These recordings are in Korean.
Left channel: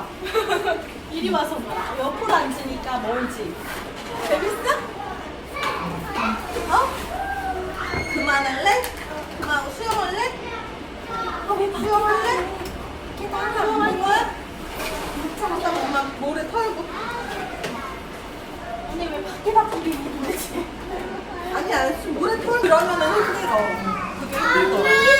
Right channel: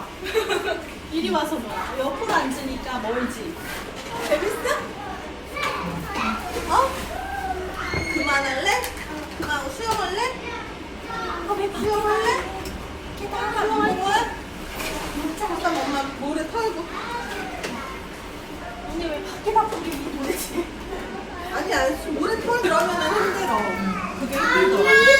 봐. 이리 와서 봐. 옆으로 앉으니까 멀지. 재밌어? 어? 그만할래? 아, 수영할래? 하고 수영할래? 계단 먹는 거야? 일단 엄마 모래 털고. 언니 왜 밖에 바쁘게 모르지? 아니, 아니, 모래 털고 그러면 힘들어. 그게 힘들어.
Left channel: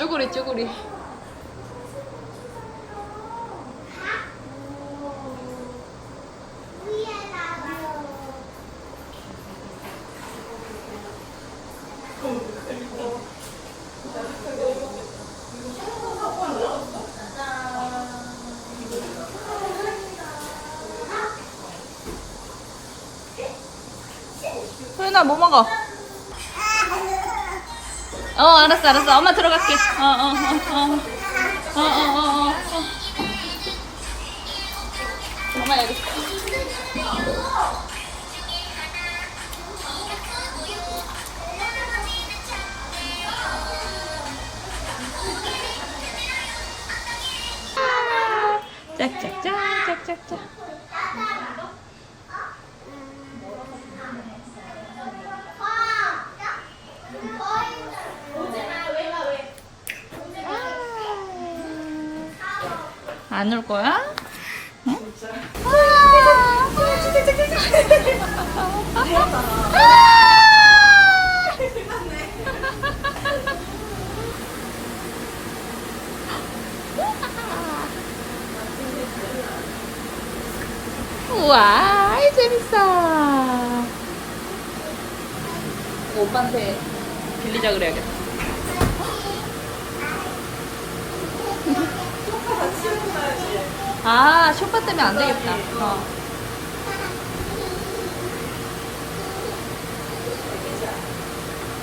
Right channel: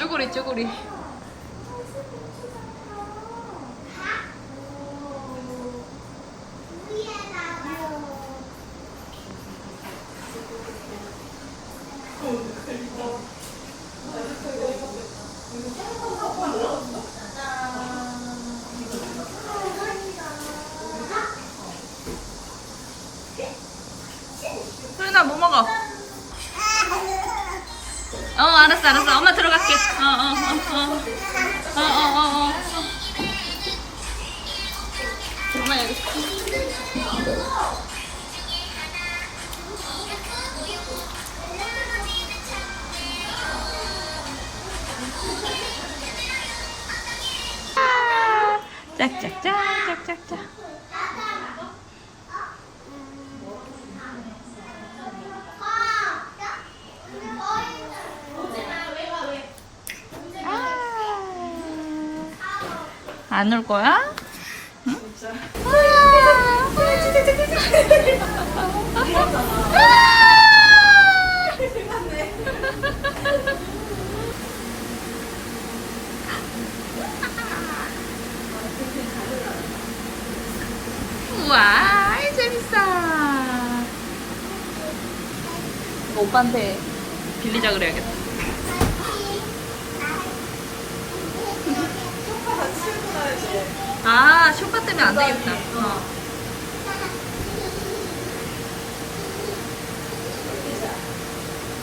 쭈구리 쭈구리 소연아 뭐 먹어? 어 알았어 알았어 엄마 들어갈게 어어어어어어어 어, 어, 어, 어. 엄마 여기. 짝짝짝 짝짝짝 안올 거야? 응? 우와, 재밌어. 오빠한테 빌리자 그래야겠다. 아, 쇼파 때문에 안 되겠다. 어.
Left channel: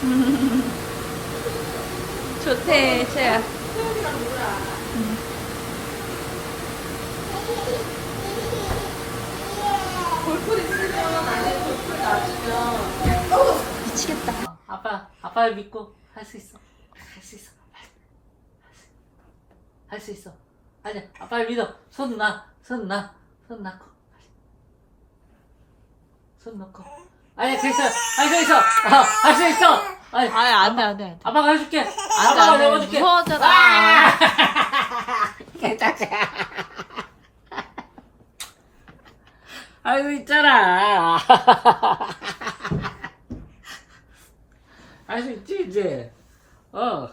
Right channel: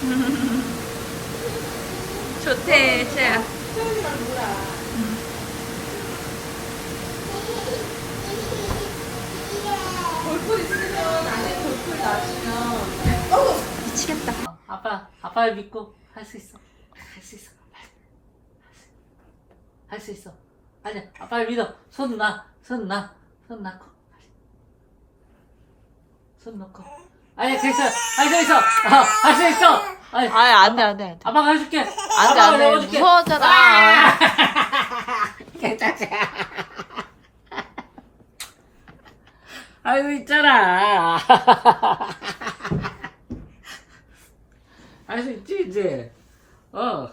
좋대, 쟤야. 미치겠다. 아빠, 아빠를 믿고 할 수 있어. 할 수 있어. 할 수 있어. 아니야, 아빠를 믿어. 손 놔, 손 놔, 손 놔고. 손 놓고. 아니야, 돼 있어. 할수 있어. 할수 있어. 아니, 아니, 안 돼, 안 돼, 안 돼. 아빠가 해줄게. 안 돼, 아빠가 안 돼. 내어줄게. 무서워하잖아. 괜찮지? 아이고, 있잖아. 할 수 있지, 이제. 어.